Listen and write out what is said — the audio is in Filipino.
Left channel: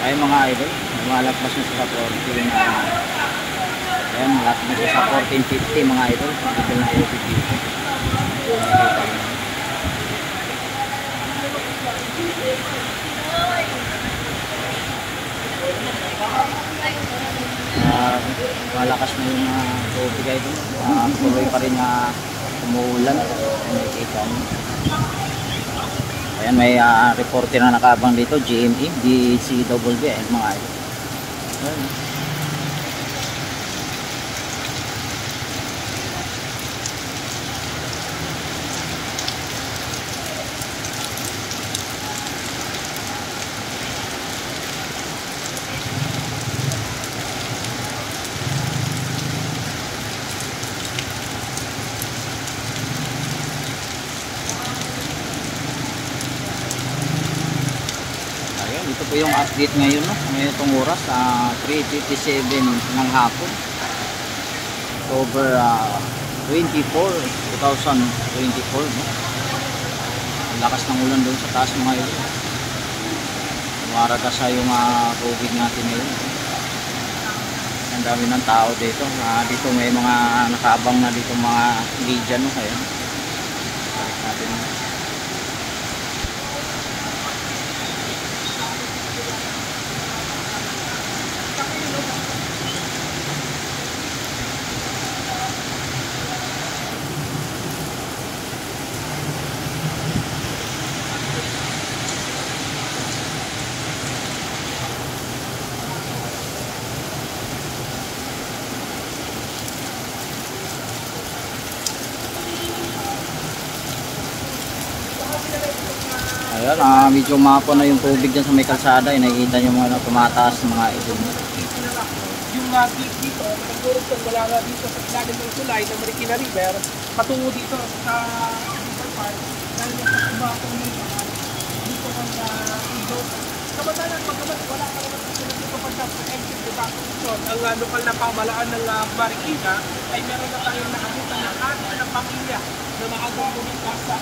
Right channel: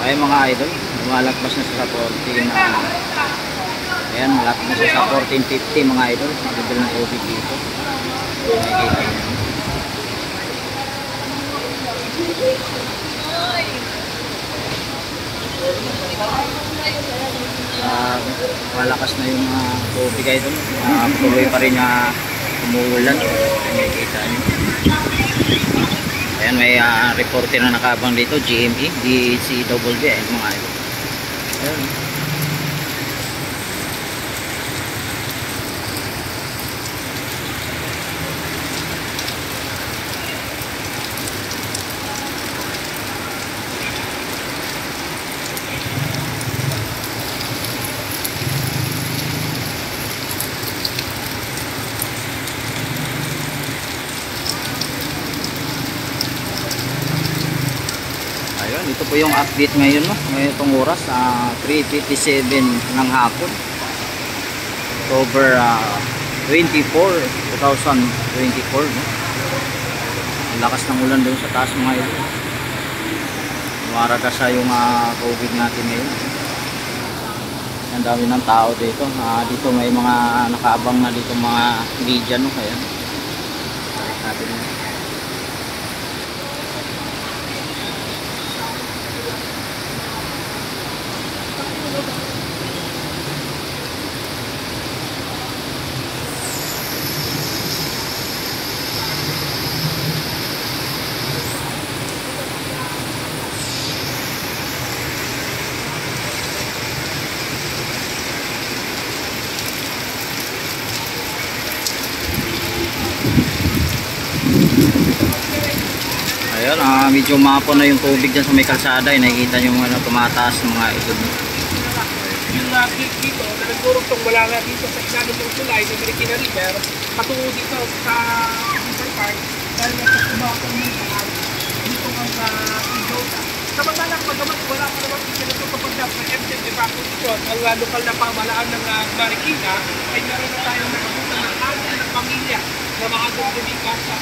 Ay mga idol, lumalagpas na sa 14 na ayan, malapit na siya sa 14.50 mga idol. Level ng tubig dito. Nakikita niyo. Malakas na yung tubig idol. Tuloy pa rin umuulan. Nakikita niyo. Ayan, may reporter na nakabang dito, GME, DCWD, mga idol. Ayan. Ayun, ito po yung update ngayon, no? Ngayon itong oras, 3:57 ng hapon. October 24, 2024, no? Ang lakas ng ulan doon sa taas mga ilo. Umaraga sa yung tubig natin ngayon. Ang dami ng tao dito. Dito may mga nakaabang na dito mga media, no? Kaya balik natin yun. Ayan, medyo mapo na yung tubig dyan sa may kalsada. Nakikita nyo mga tumataas ng mga ito. Yung gate dito, na nagdurugtong wala na dito sa ilalim ng tulay ng Marikina River, patungo dito sa River Park, dahil nasa kumakong ng lahat, dito ang Idosa. Samantalang pagkaman, wala pa naman pinatutupag na sa MCM Evacuation, ang lokal na pamalaan ng Marikina, ay meron na tayong nakabutan ng ating ng pamilya na maagong lumikas sa